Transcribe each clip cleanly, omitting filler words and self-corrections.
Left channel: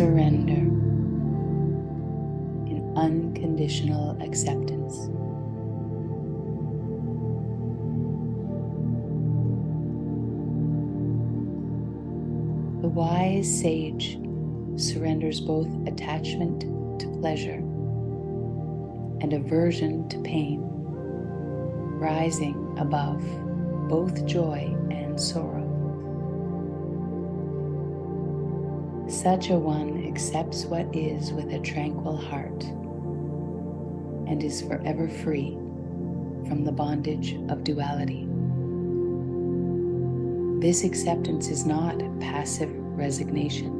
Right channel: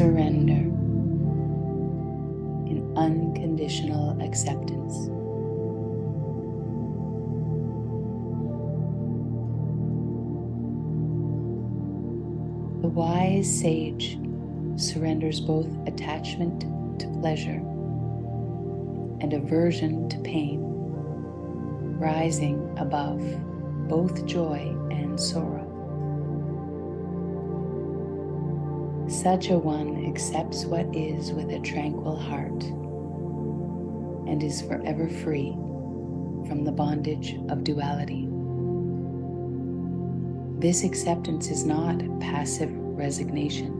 surrender in unconditional acceptance. The wise sage surrenders both attachment to pleasure and aversion to pain, rising above both joy and sorrow. Such a one accepts what is with a tranquil heart and is forever free from the bondage of duality. This acceptance is not passive resignation,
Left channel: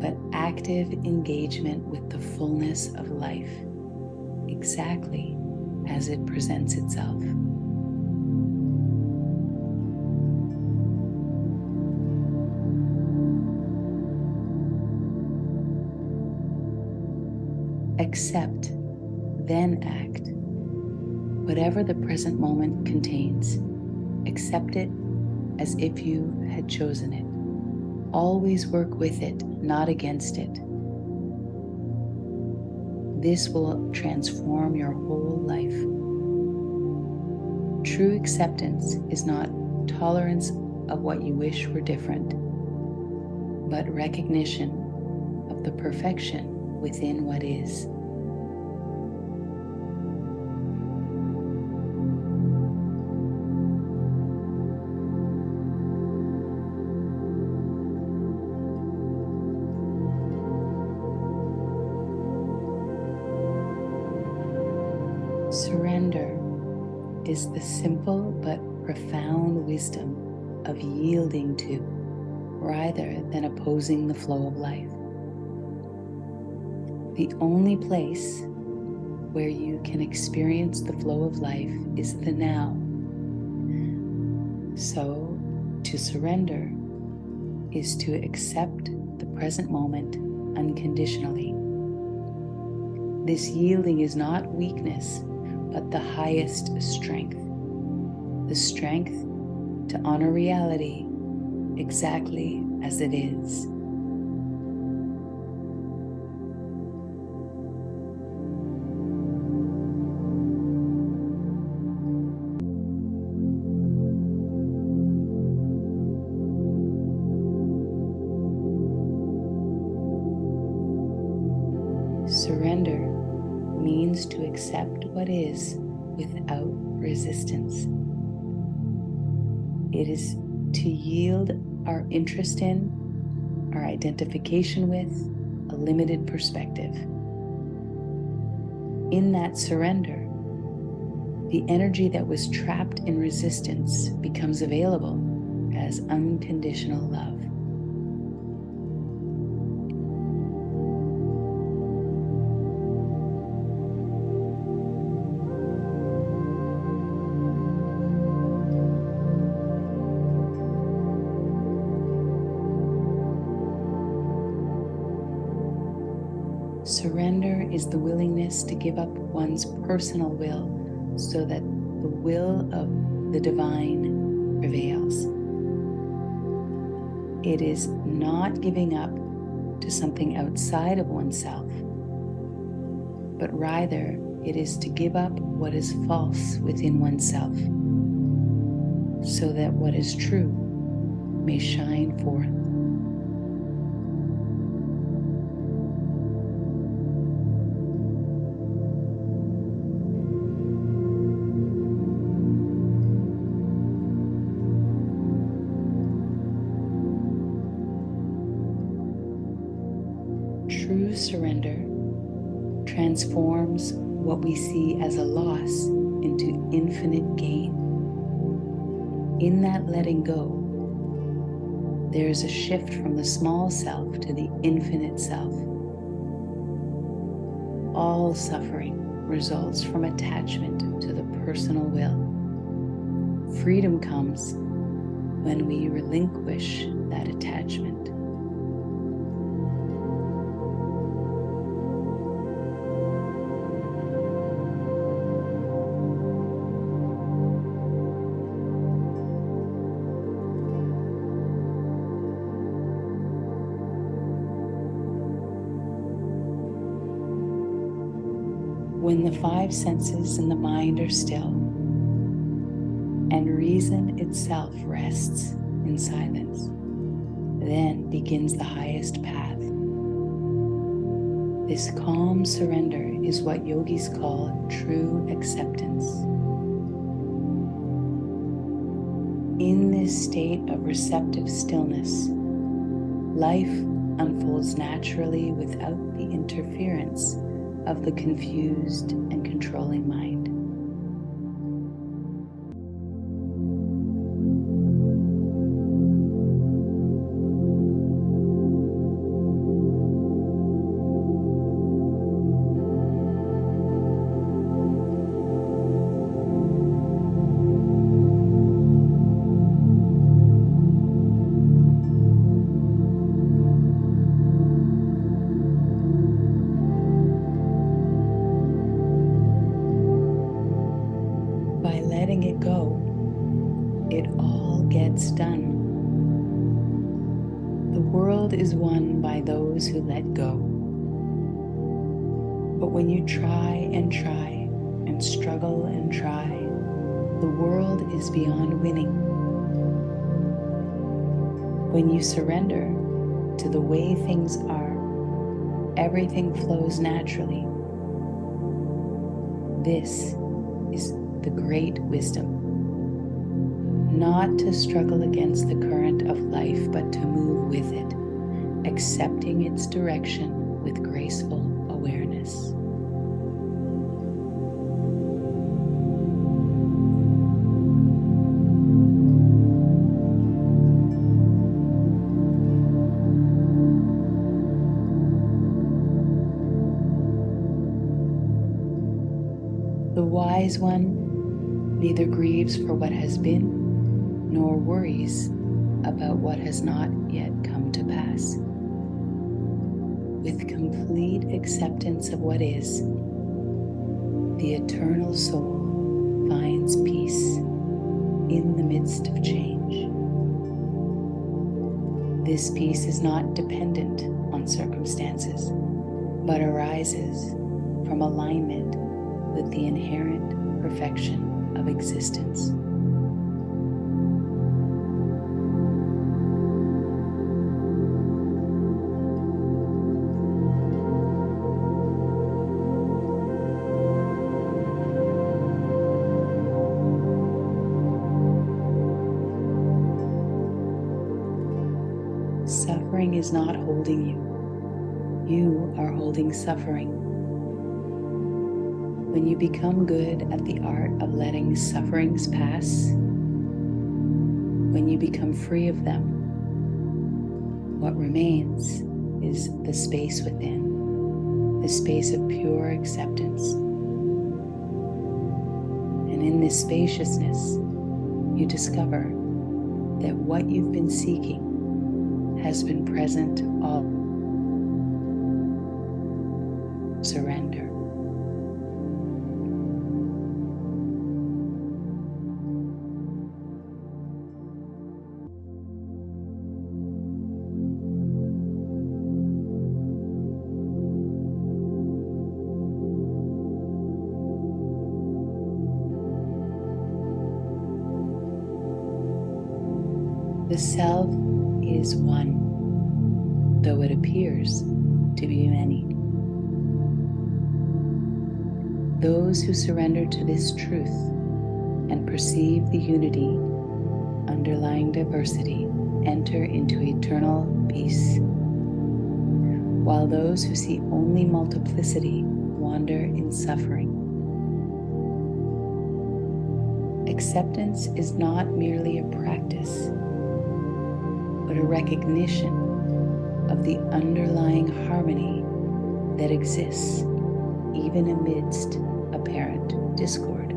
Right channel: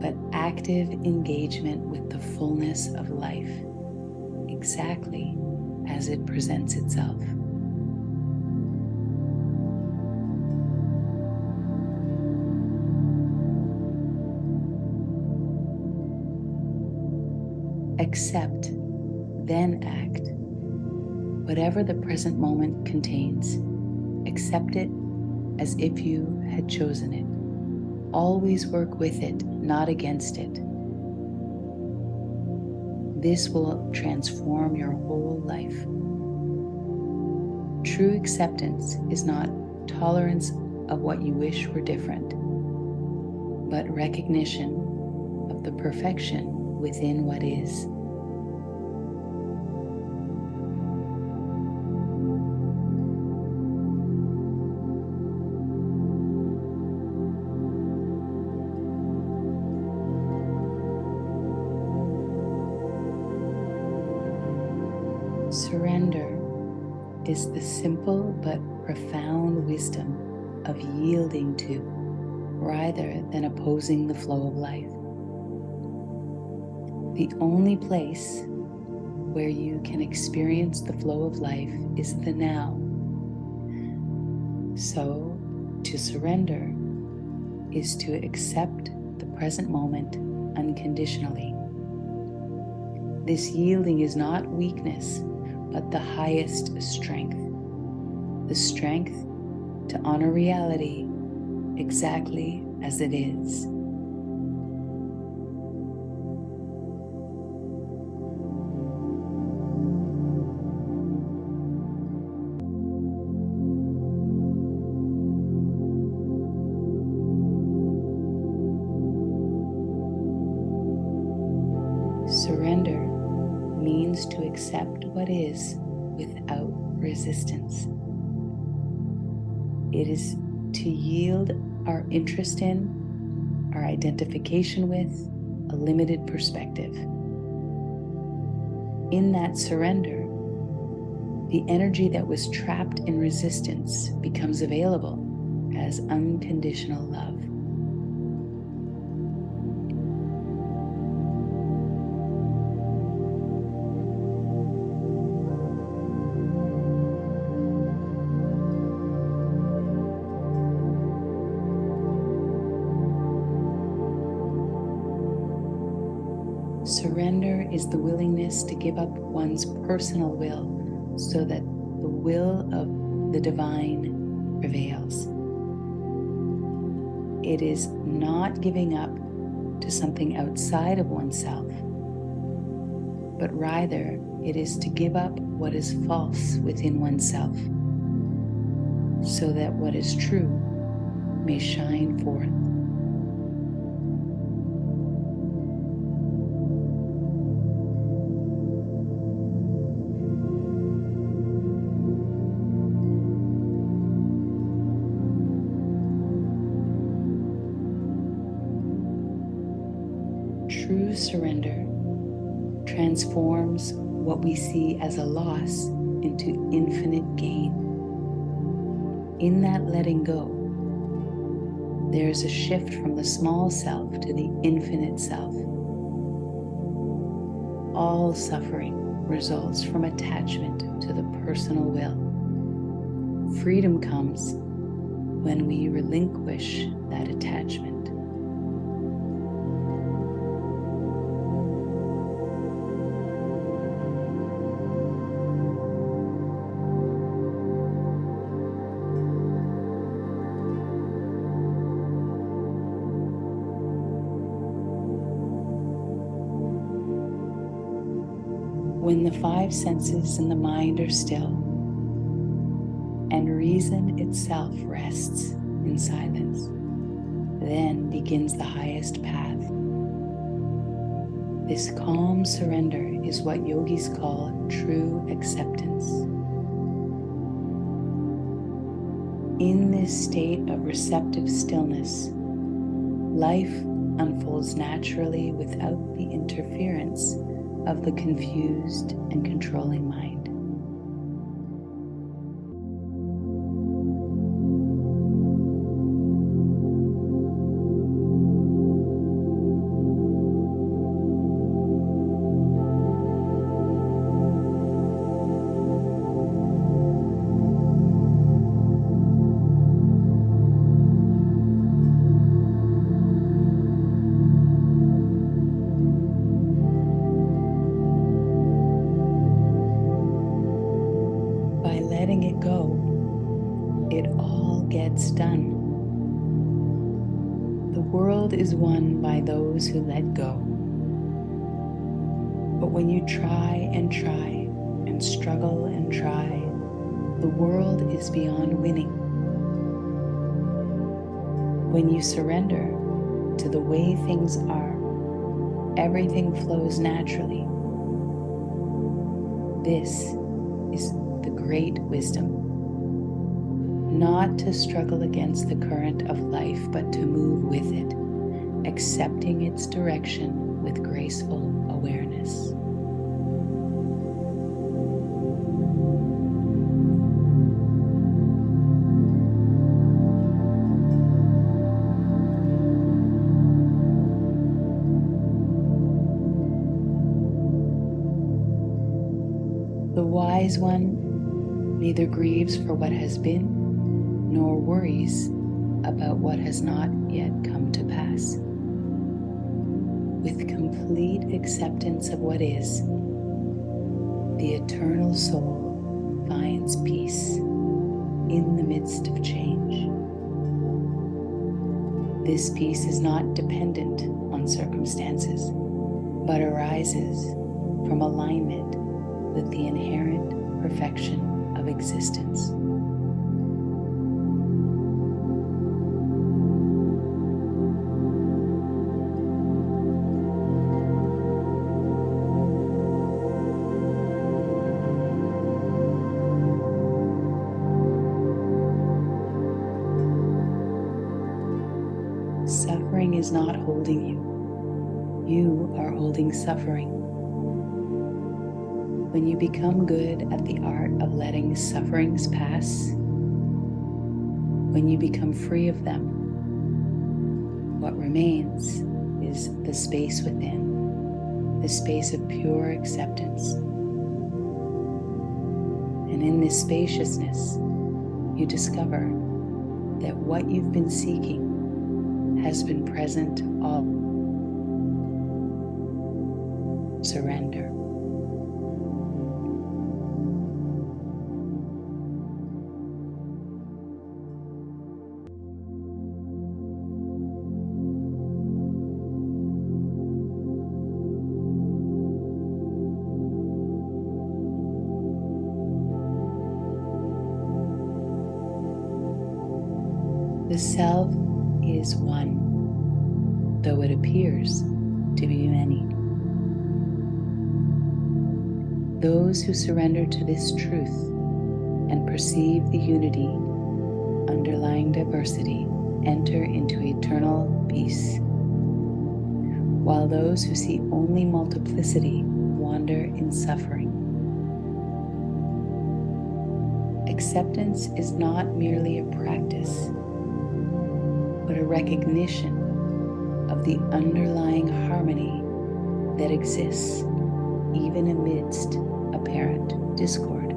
but active engagement with the fullness of life, exactly as it presents itself. Accept, then act. Whatever the present moment contains, accept it as if you had chosen it. Always work with it, not against it. This will transform your whole life. True acceptance is not tolerance of what you wish were different, but recognition of the perfection within what is. Surrender is the simple but profound wisdom of yielding to, rather than opposing the flow of life. The only place where you can experience the flow of life is the now. So, to surrender is to accept the present moment unconditionally. This yielding is not weakness, but the highest strength. The strength to honor reality exactly as it is. Surrender means to accept what is without resistance. It is to yield our interest in, our identification with, a limited perspective. In that surrender, the energy that was trapped in resistance becomes available as unconditional love. Surrender is the willingness to give up one's personal will so that the will of the divine prevails. It is not giving up to something outside of oneself, but rather it is to give up what is false within oneself so that what is true may shine forth. True surrender transforms what we see as a loss into infinite gain. In that letting go, there is a shift from the small self to the infinite self. All suffering results from attachment to the personal will. Freedom comes when we relinquish that attachment. When the five senses and the mind are still, and reason itself rests in silence, then begins the highest path. This calm surrender is what yogis call true acceptance. In this state of receptive stillness, life unfolds naturally without the interference of the confused and controlling mind. By letting it go, it all gets done. The world is won by those who let go. But when you try and struggle and try, the world is beyond winning. When you surrender to the way things are, everything flows naturally. This is the great wisdom. Not to struggle against the current of life, but to move with it, accepting its direction with graceful awareness. The wise one neither grieves for what has been, nor worries about what has not yet come to pass. With complete acceptance of what is, the eternal soul finds peace in the midst of change. This peace is not dependent on circumstances, but arises from alignment with the inherent perfection of existence. Suffering is not holding you. You are holding suffering. When you become good at the art of letting sufferings pass, when you become free of them, what remains is the space within, the space of pure acceptance. And in this spaciousness, you discover that what you've been seeking has been present all. Surrender. The self is one, though it appears to be many. Those who surrender to this truth and perceive the unity underlying diversity enter into eternal peace, while those who see only multiplicity wander in suffering. Acceptance is not merely a practice, but a recognition of the underlying harmony that exists even amidst apparent discord.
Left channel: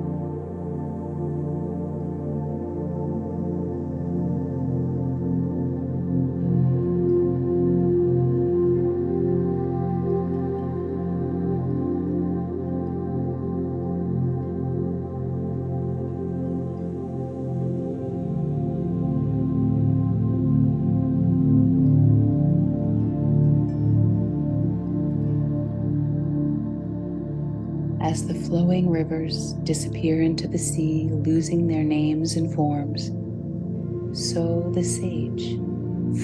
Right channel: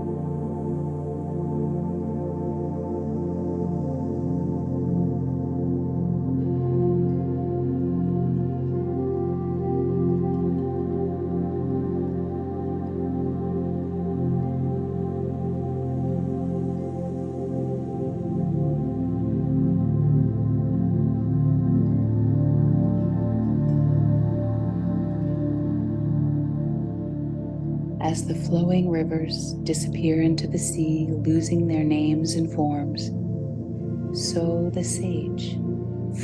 As the flowing rivers disappear into the sea, losing their names and forms, so the sage,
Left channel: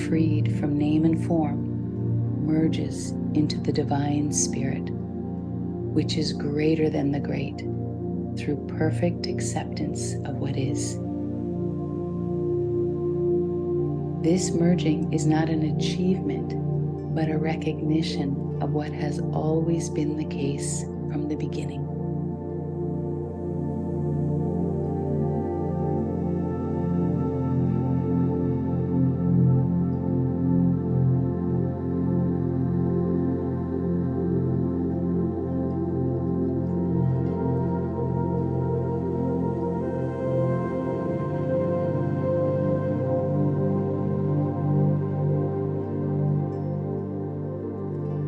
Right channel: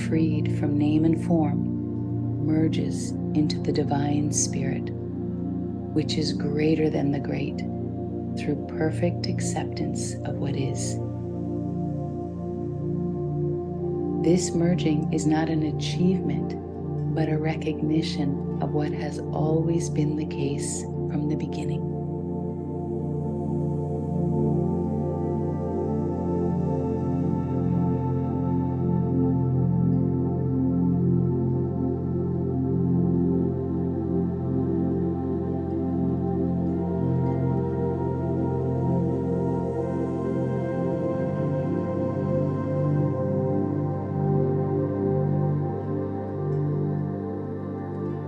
freed from name and form, merges into the divine spirit, which is greater than the great, through perfect acceptance of what is. This merging is not an achievement, but a recognition of what has always been the case from the beginning.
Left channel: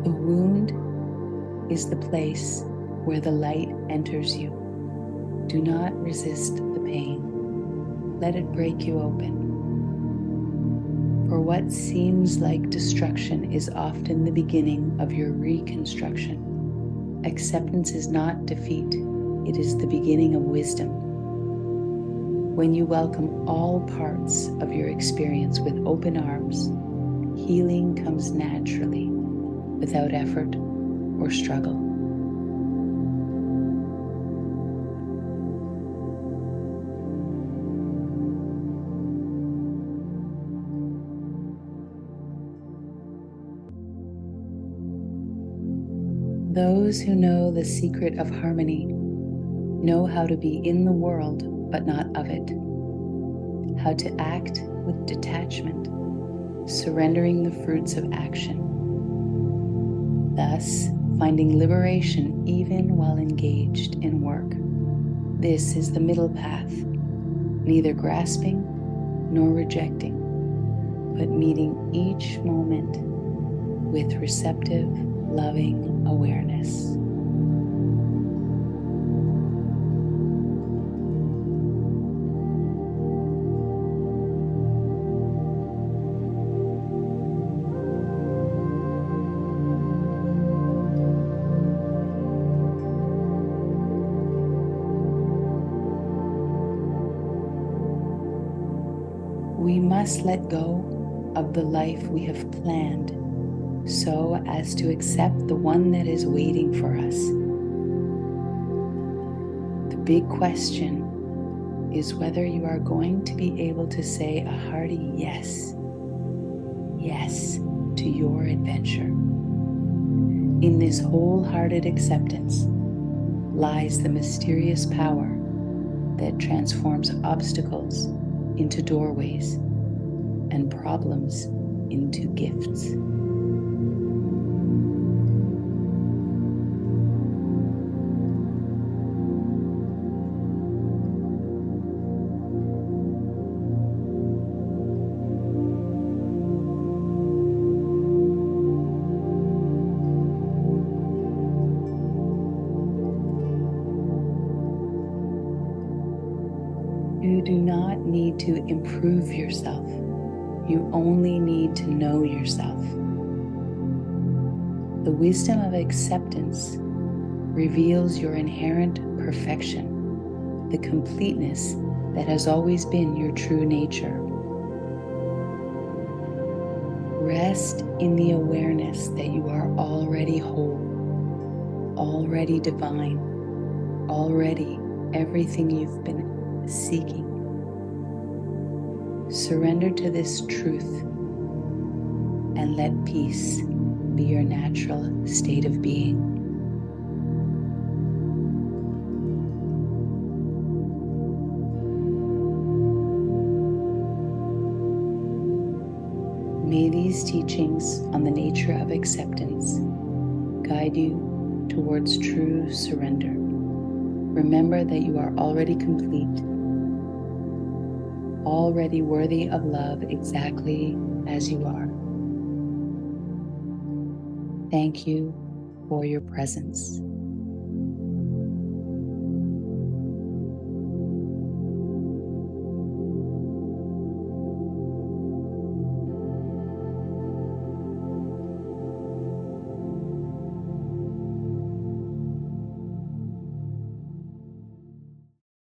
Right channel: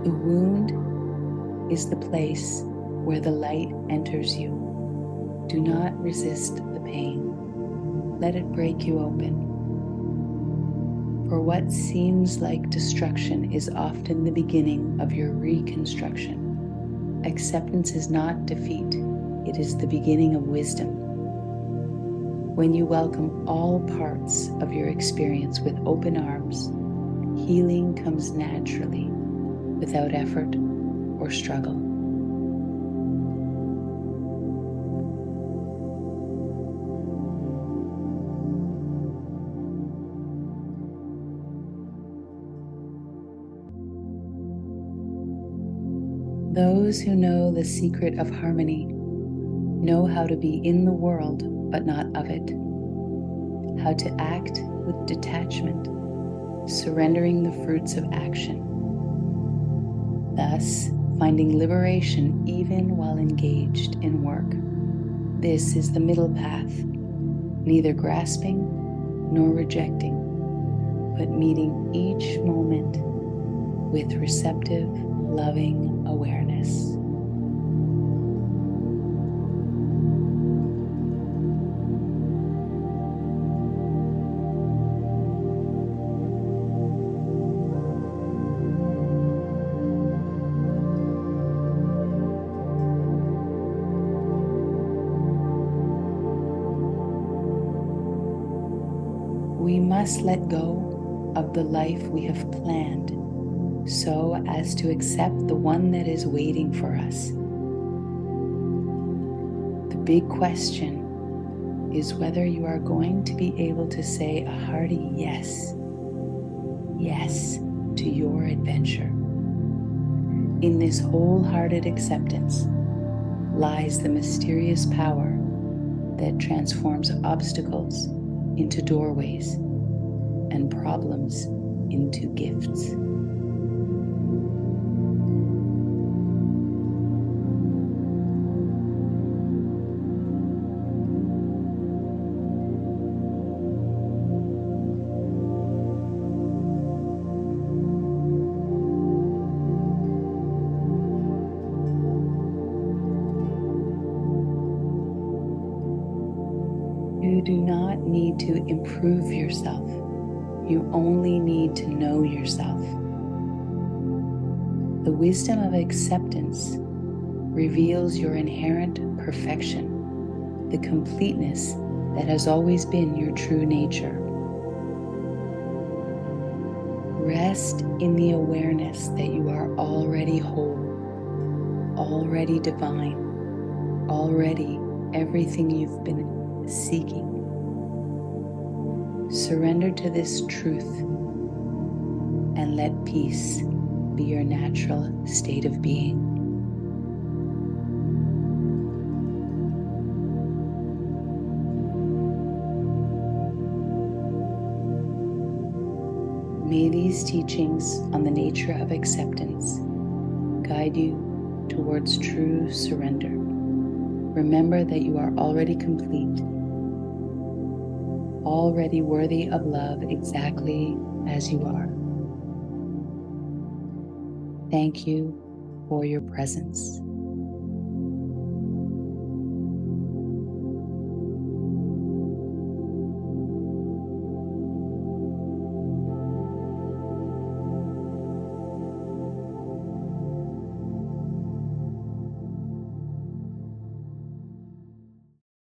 The wound is the place where the light enters you. Do not resist the pain. Let it break you open. For what seems like destruction is often the beginning of your reconstruction. Acceptance is not defeat. It is the beginning of wisdom. When you welcome all parts of your experience with open arms, healing comes naturally, without effort or struggle. Those who know the secret of harmony know how to be in the world but not of it, how to act with detachment, surrendering the fruits of action, thus finding liberation even while engaged in work. This is the middle path, neither grasping nor rejecting, but meeting each moment with receptive, loving awareness. We must let go of the life we have planned so as to accept the one that is waiting for us. The big question is whether you are going to be able to say a hearty yes to your adventure. In this wholehearted acceptance lies the mysterious power that transforms obstacles into doorways and problems into gifts. You do not need to improve yourself. You only need to know yourself. The wisdom of acceptance reveals your inherent perfection, the completeness that has always been your true nature. Rest in the awareness that you are already whole, already divine, already everything you've been seeking. Surrender to this truth and let peace be your natural state of being. May these teachings on the nature of acceptance guide you towards true surrender. Remember that you are already complete, already worthy of love exactly as you are. Thank you for your presence.